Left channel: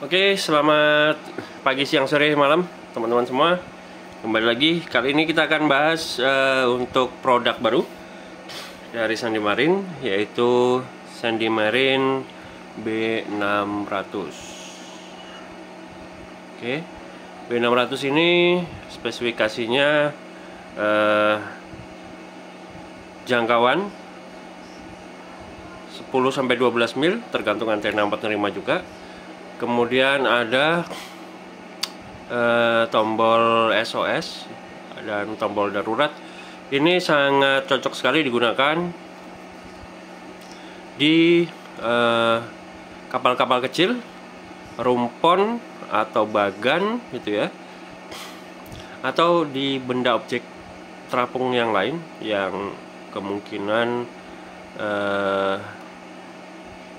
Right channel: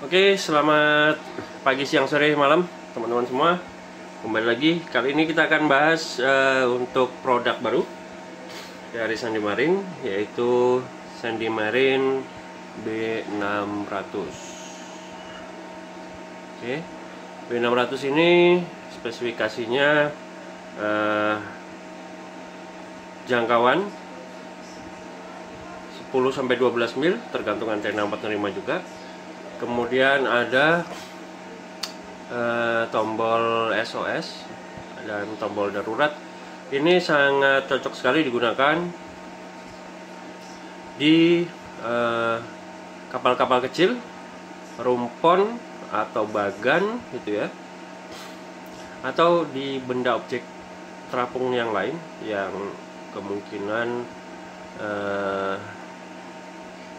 Oke, selamat pagi, siang, sore, malam teman-teman semua. Kembali lagi, kali ini kita akan bahas untuk produk baru dari Sandy Marine, yaitu Sandy Marine B600. Oke, B600 ini spesifikasinya jangkauan 10-12 mil, tergantung antena 45 juga. Kemudian ada tombol SOS dan tombol darurat. Ini sangat cocok sekali digunakan di kapal-kapal kecil, rumpon atau bagan gitu ya, atau di benda objek terapung yang lain yang kemungkinan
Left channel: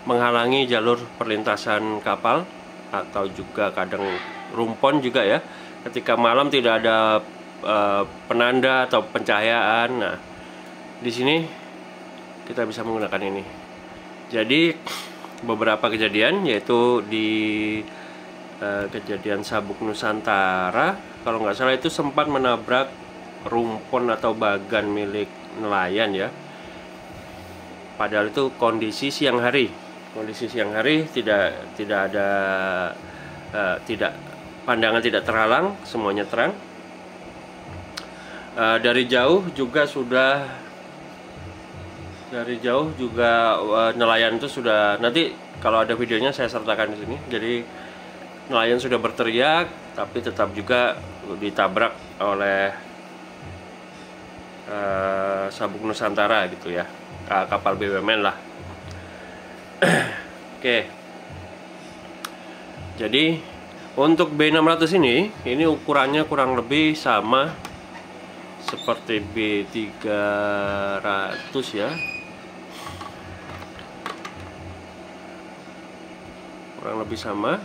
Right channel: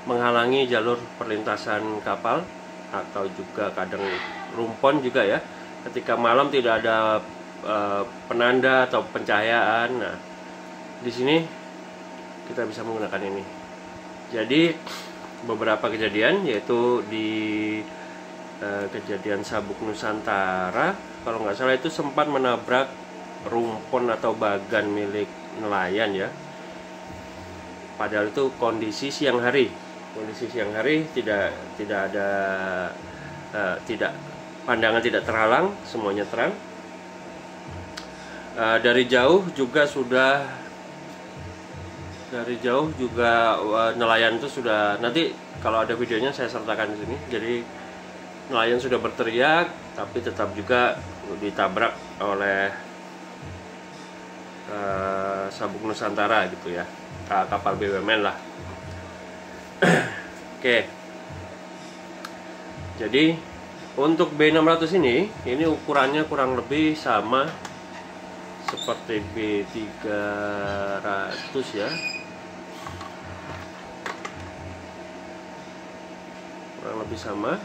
menghalangi jalur perlintasan kapal, atau juga kadang rumpon juga ya, ketika malam tidak ada penanda atau pencahayaan. Nah, di sini kita bisa menggunakan ini. Jadi beberapa kejadian, yaitu di kejadian Sabuk Nusantara kalau nggak salah, itu sempat menabrak rumpon atau bagan milik nelayan ya. Padahal itu kondisi siang hari. Tidak ada pandangan tidak terhalang, semuanya terang. Dari jauh juga nelayan itu sudah, nanti kalau ada videonya saya sertakan di sini. Jadi nelayan sudah berteriak, tapi tetap juga ditabrak oleh Sabuk Nusantara gitu ya, kapal BUMN lah. Oke. Jadi untuk B600 ini ukurannya kurang lebih sama seperti B300 ya. Kurang lebih sama.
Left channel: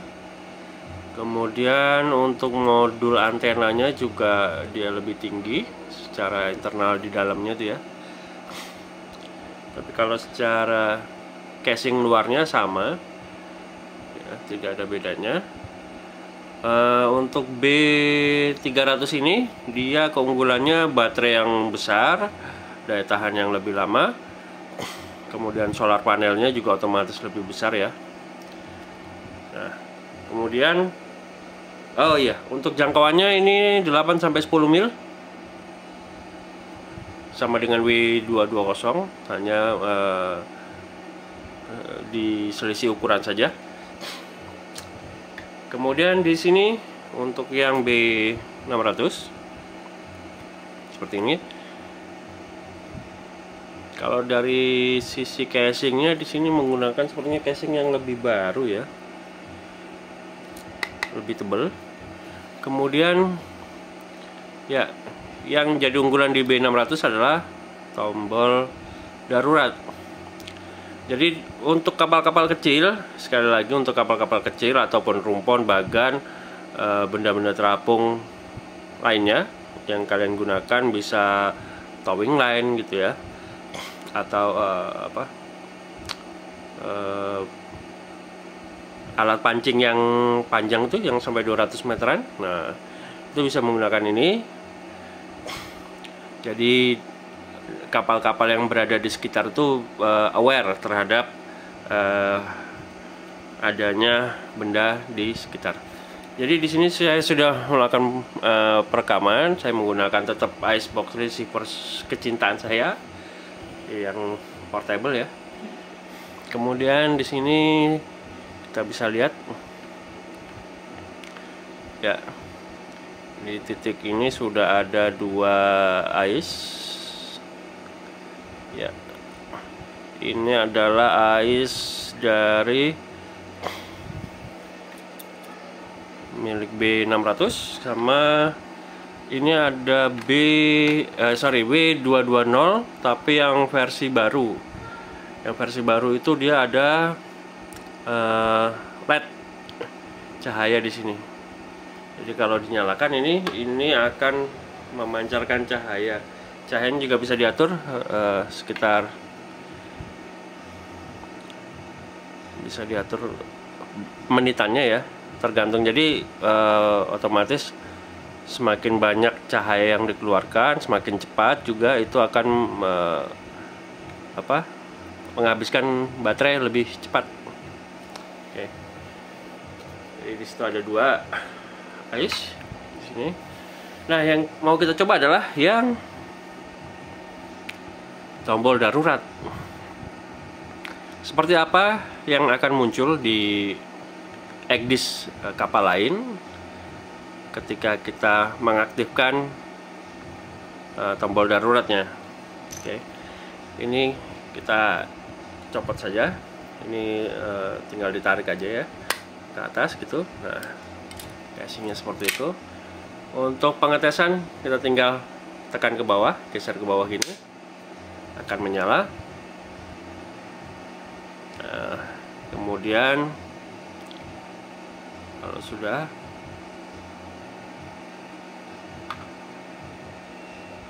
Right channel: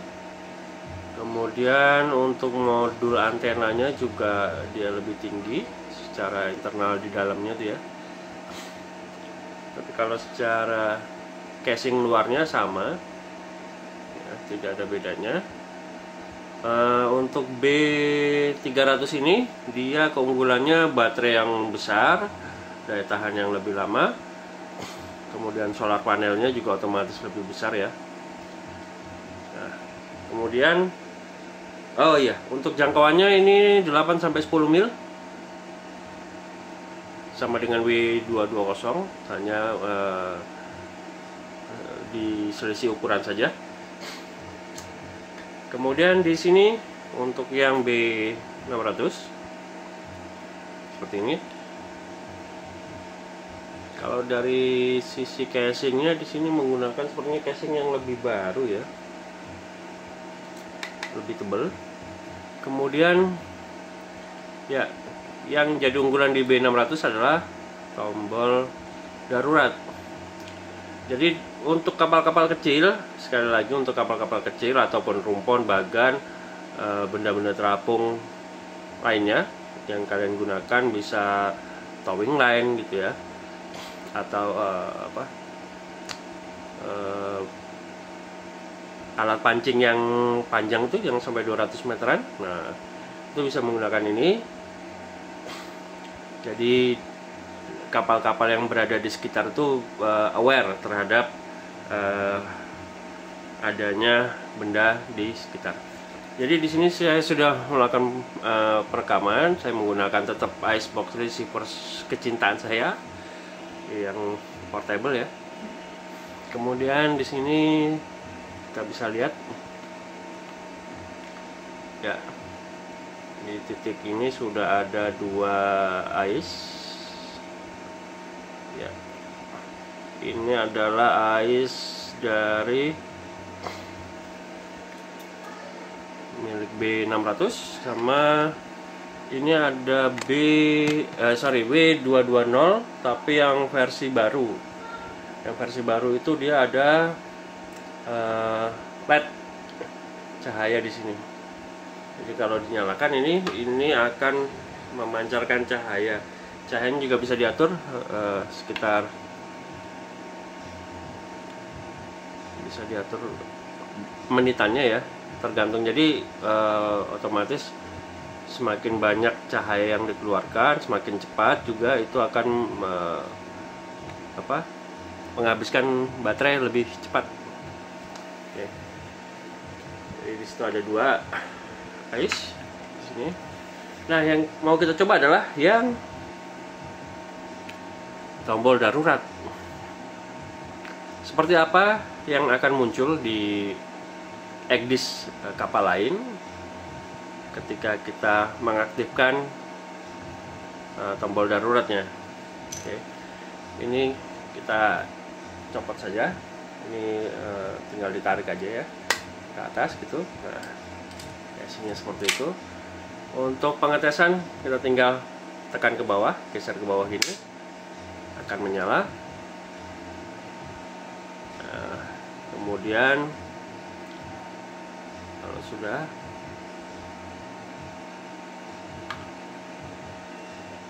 Kemudian untuk modul antenanya juga dia lebih tinggi secara internal di dalamnya itu ya. Tapi kalau secara casing luarnya sama ya, tidak ada bedanya. Untuk B300 ini dia keunggulannya baterai yang besar, daya tahan yang lebih lama, kemudian solar panelnya juga otomatis lebih besar ya. Nah, kemudian untuk jangkauannya ini 8-10 mil, sama dengan W220, hanya diselisih ukuran saja. Kemudian di sini untuk yang B600 seperti ini. Kalau dari sisi casingnya di sini menggunakan sepertinya casing yang lebih baru ya, lebih tebal. Kemudian ya, yang jadi unggulan di B600 adalah tombol darurat. Jadi untuk kapal-kapal kecil, sekali lagi untuk kapal-kapal kecil ataupun rumpon, bagan, benda-benda terapung lainnya yang kalian gunakan, bisa towing line gitu ya, atau alat pancing yang panjang itu yang sampai 200 meteran. Nah, itu bisa menggunakan ini. Jadi kapal-kapal yang berada di sekitar itu aware terhadap adanya benda di sekitar. Jadi di sini saya sudah melakukan perekaman. Saya menggunakan tetap Icebox receiver kecintaan saya yang portable ya. Kemudian di sini kita bisa lihat ya, di titik ini sudah ada 2 ice ya. Ini adalah ice dari milik B600, sama ini ada W220 tapi yang versi baru. Yang versi baru itu dia ada LED cahaya di sini. Jadi kalau dinyalakan ini akan memancarkan cahaya. Cahayanya juga bisa diatur sekitar, bisa diatur menitannya ya. tergantung. Jadi otomatis semakin banyak cahaya yang dikeluarkan, semakin cepat juga itu akan menghabiskan baterai lebih cepat. Oke. Jadi di situ ada 2 ais di sini. Nah, yang mau kita coba adalah yang tombol darurat. Seperti apa yang akan muncul di EGDIS kapal lain ketika kita mengaktifkan tombol daruratnya. Oke. Ini kita copot saja. Ini tinggal ditarik aja ya ke atas gitu. Nah, casingnya seperti itu. Untuk pengetesan kita tinggal tekan ke bawah, geser ke bawah gini, akan menyala. Nah, kemudian kalau sudah,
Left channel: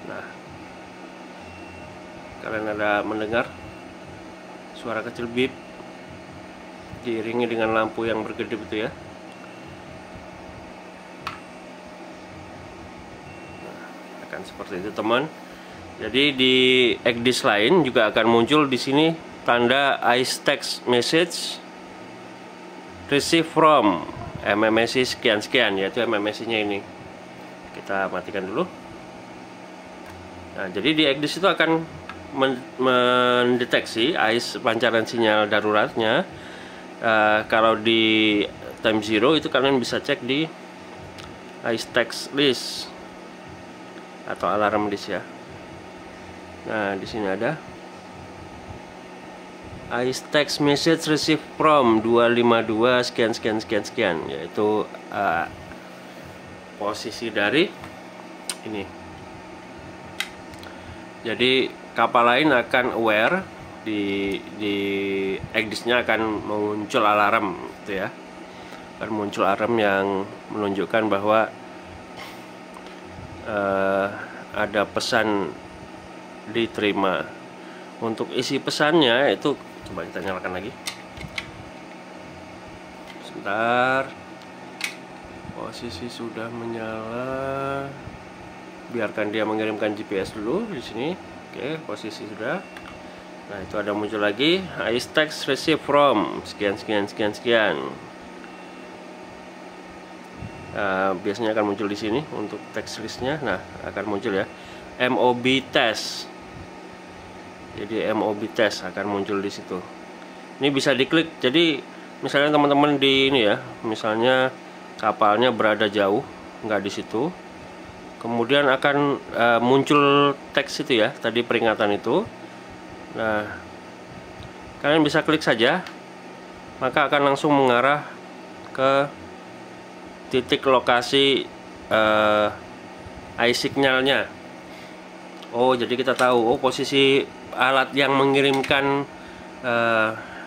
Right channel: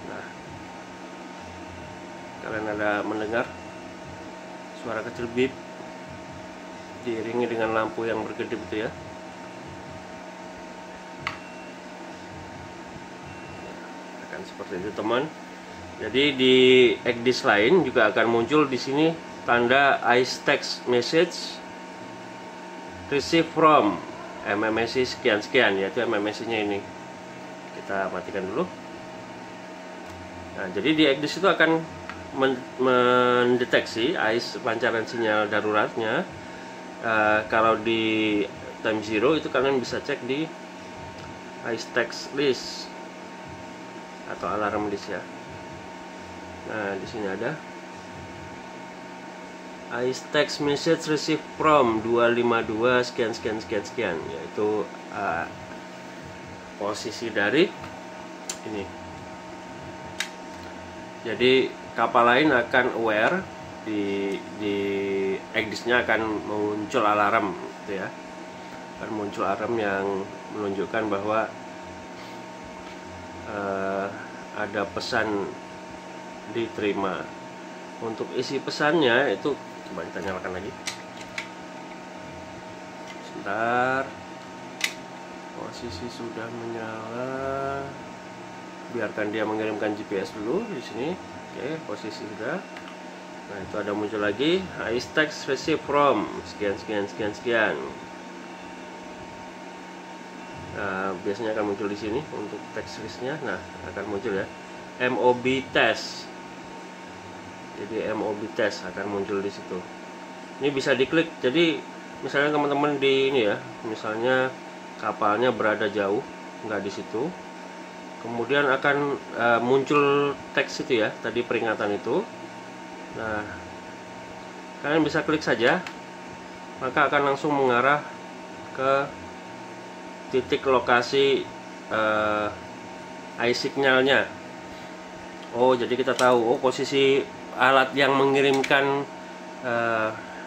nah, kalian ada mendengar suara kecil bip diiringi dengan lampu yang berkedip itu ya. Akan seperti itu teman. Jadi di EGDIS lain juga akan muncul di sini tanda ICE text message receive from MMSI sekian-sekian, yaitu MMSI-nya ini. Kita matikan dulu. Nah, jadi di EGDIS itu akan mendeteksi ICE pancaran sinyal daruratnya. Kalau di time zero itu kalian bisa cek di ICE text list atau alarm list ya. Nah, di sini ada ICE text message receive from 252 sekian, yaitu posisi dari ini. Jadi kapal lain akan aware di EGDIS-nya akan muncul alarm gitu ya. Akan muncul alarm yang menunjukkan bahwa ada pesan diterima. Untuk isi pesannya itu coba kita nyalakan lagi. Sebentar. Posisi sudah menyala. Biarkan dia mengirimkan GPS dulu di sini. Oke, posisi sudah. Nah, itu ada muncul lagi ICE text receive from sekian. Nah, biasanya akan muncul di sini untuk text listnya. Nah, akan muncul ya MOB test. Jadi MOB test akan muncul di situ. Ini bisa diklik. Jadi misalnya teman-teman di ini ya, misalnya kapalnya berada jauh, nggak di situ, kemudian akan muncul teks itu ya, tadi peringatan itu. Nah, kalian bisa klik saja, maka akan langsung mengarah ke titik lokasi ICE signalnya. Oh, jadi kita tahu posisi alat yang mengirimkan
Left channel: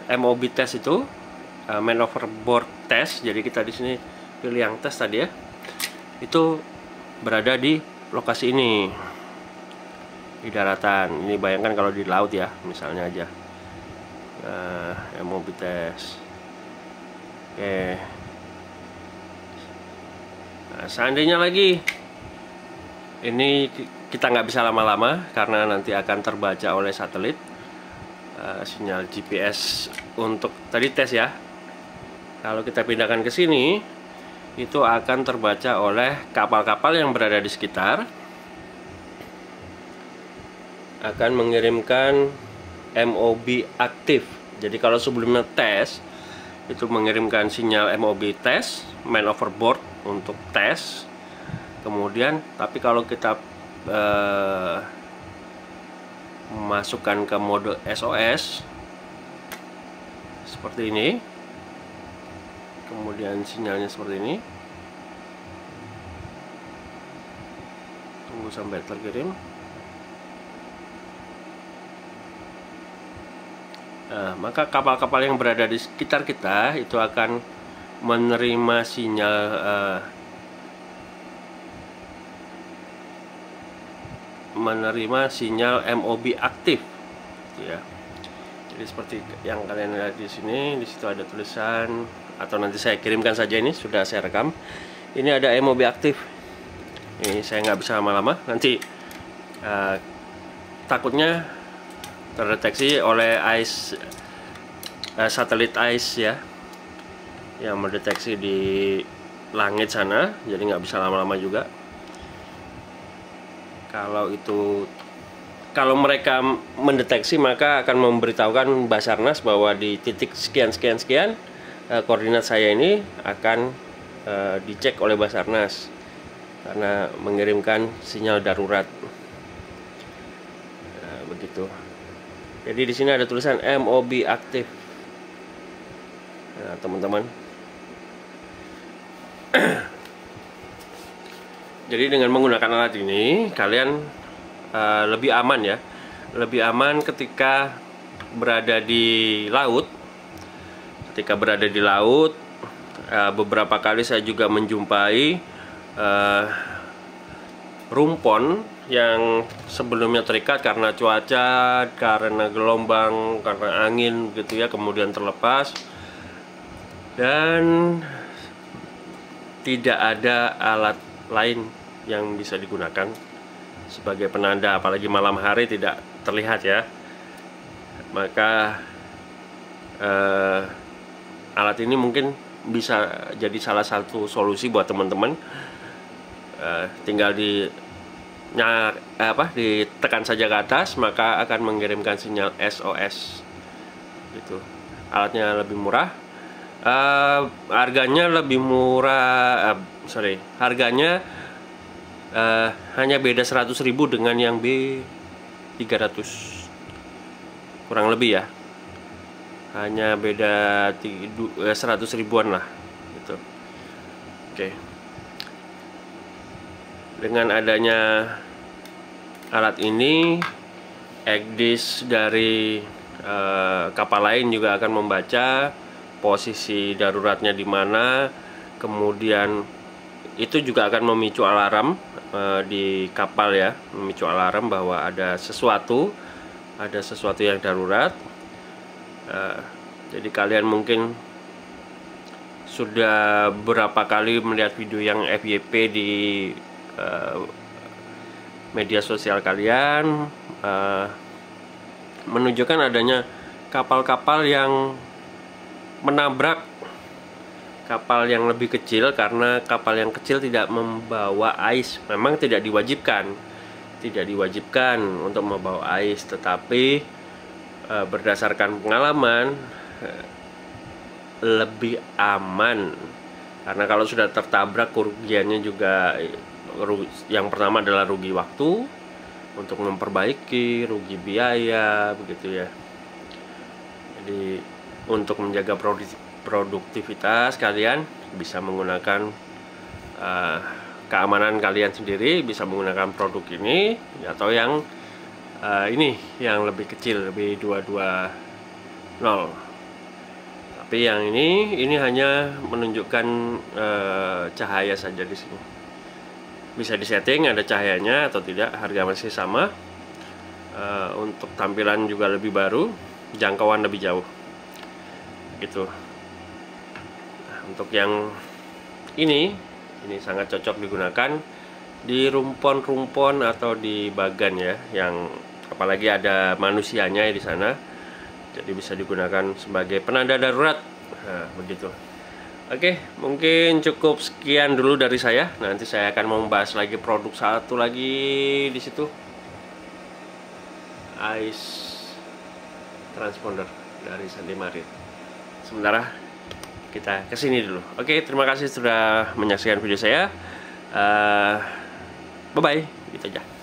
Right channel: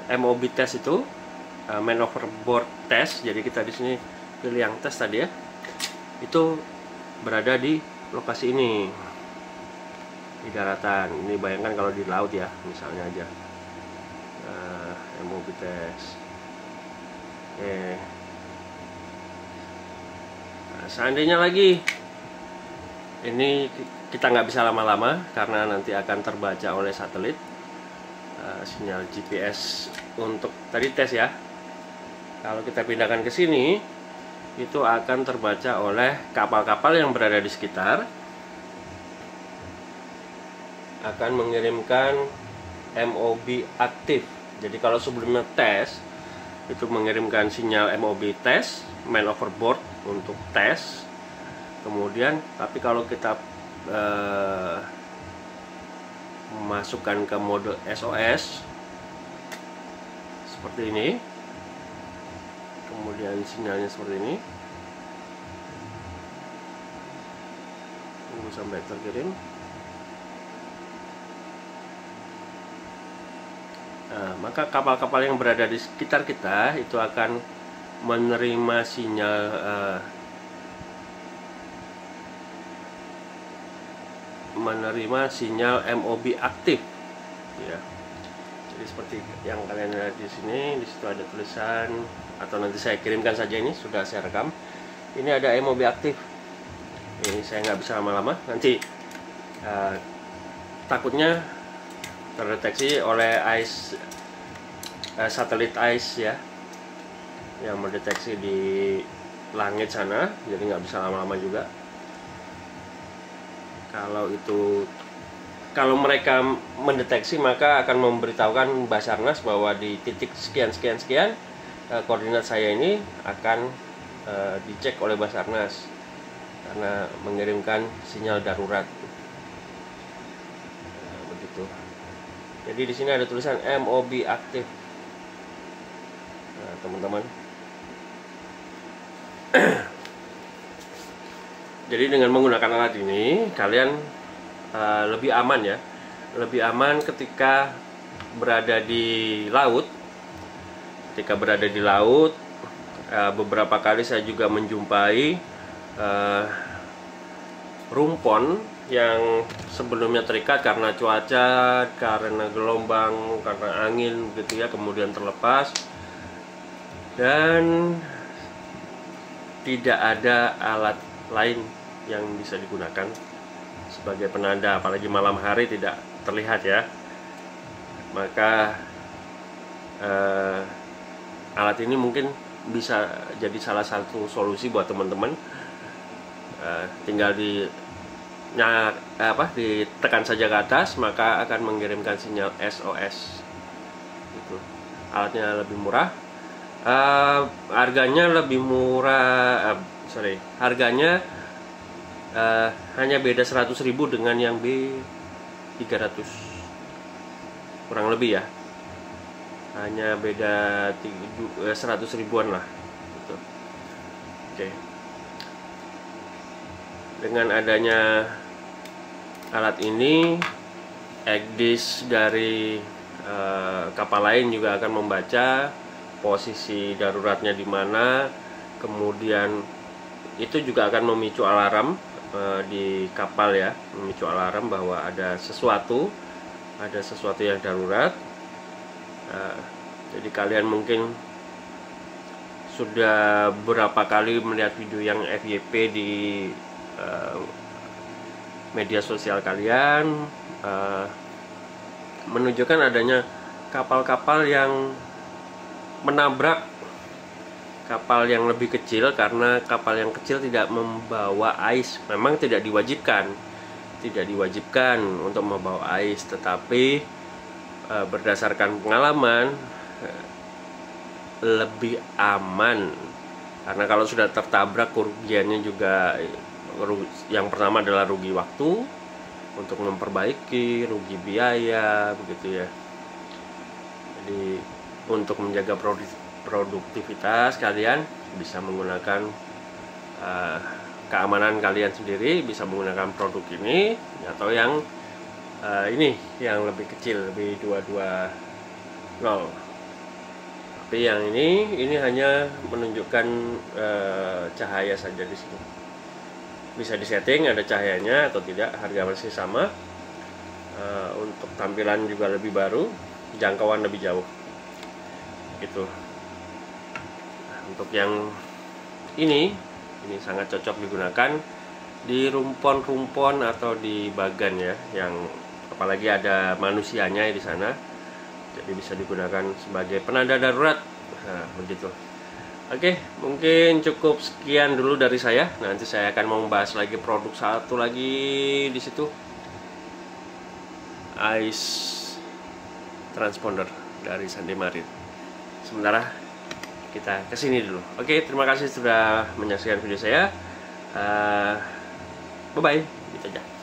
MOB test itu man overboard test. Jadi kita di sini pilih yang tes tadi ya. Itu berada di lokasi ini di daratan. Ini bayangkan kalau di laut ya, misalnya aja MOB test. Oke. Nah, seandainya lagi ini kita nggak bisa lama-lama karena nanti akan terbaca oleh satelit sinyal GPS untuk tadi tes ya. Kalau kita pindahkan ke sini, itu akan terbaca oleh kapal-kapal yang berada di sekitar, akan mengirimkan MOB aktif. Jadi kalau sebelumnya tes itu mengirimkan sinyal MOB tes, man overboard untuk tes. Kemudian tapi kalau kita memasukkan ke mode SOS seperti ini, kemudian sinyalnya seperti ini, tunggu sampai terkirim. Nah, maka kapal-kapal yang berada di sekitar kita itu akan menerima sinyal MOB aktif ya. Jadi seperti yang kalian lihat di sini, di situ ada tulisan atau nanti saya kirimkan saja. Ini sudah saya rekam. Ini ada MOB aktif. Ini saya nggak bisa lama-lama, nanti takutnya terdeteksi oleh satelit ICE ya, yang mendeteksi di langit sana, jadi nggak bisa lama-lama juga. Kalau mereka mendeteksi, maka akan memberitahukan Basarnas bahwa di titik sekian koordinat saya ini akan dicek oleh Basarnas karena mengirimkan sinyal darurat. Begitu. Jadi di sini ada tulisan MOB aktif. Nah, teman-teman. Jadi dengan menggunakan alat ini kalian lebih aman ya, lebih aman ketika berada di laut. Ketika berada di laut, beberapa kali saya juga menjumpai rumpon yang sebelumnya terikat karena cuaca, karena gelombang, karena angin gitu ya, kemudian terlepas dan tidak ada alat lain yang bisa digunakan sebagai penanda, apalagi malam hari tidak terlihat ya. Maka alat ini mungkin bisa jadi salah satu solusi buat teman-teman. Tinggal ditekan saja ke atas, maka akan mengirimkan sinyal SOS. Gitu. Alatnya lebih murah. Harganya lebih murah. Harganya hanya beda 100.000 dengan yang B300, kurang lebih ya, hanya beda 100 ribuan lah gitu. Oke. Dengan adanya alat ini, EGDIS dari kapal lain juga akan membaca posisi daruratnya di mana, kemudian itu juga akan memicu alarm di kapal ya, memicu alarm bahwa ada sesuatu yang darurat. Jadi kalian mungkin sudah berapa kali melihat video yang FYP di media sosial kalian, menunjukkan adanya kapal-kapal yang menabrak kapal yang lebih kecil, karena kapal yang kecil tidak membawa ais. Memang tidak diwajibkan untuk membawa ais, tetapi berdasarkan pengalaman lebih aman, karena kalau sudah tertabrak kerugiannya juga, yang pertama adalah rugi waktu untuk memperbaiki, rugi biaya begitu ya. Jadi untuk menjaga produktivitas kalian bisa menggunakan keamanan kalian sendiri, bisa menggunakan produk ini atau yang ini yang lebih kecil, B220. Tapi yang ini hanya menunjukkan cahaya saja di sini. Bisa disetting ada cahayanya atau tidak, harga masih sama. Untuk tampilan juga lebih baru, jangkauan lebih jauh. Gitu. Untuk yang ini sangat cocok digunakan di rumpon-rumpon atau di bagan ya, yang apalagi ada manusianya di sana. Jadi bisa digunakan sebagai penanda darurat. Nah, begitu. Oke, mungkin cukup sekian dulu dari saya. Nanti saya akan membahas lagi produk satu lagi di situ. ICE transponder dari Sandi Marit. Sementara kita kesini dulu. Oke, terima kasih sudah menyaksikan video saya. Bye bye. Gitu aja.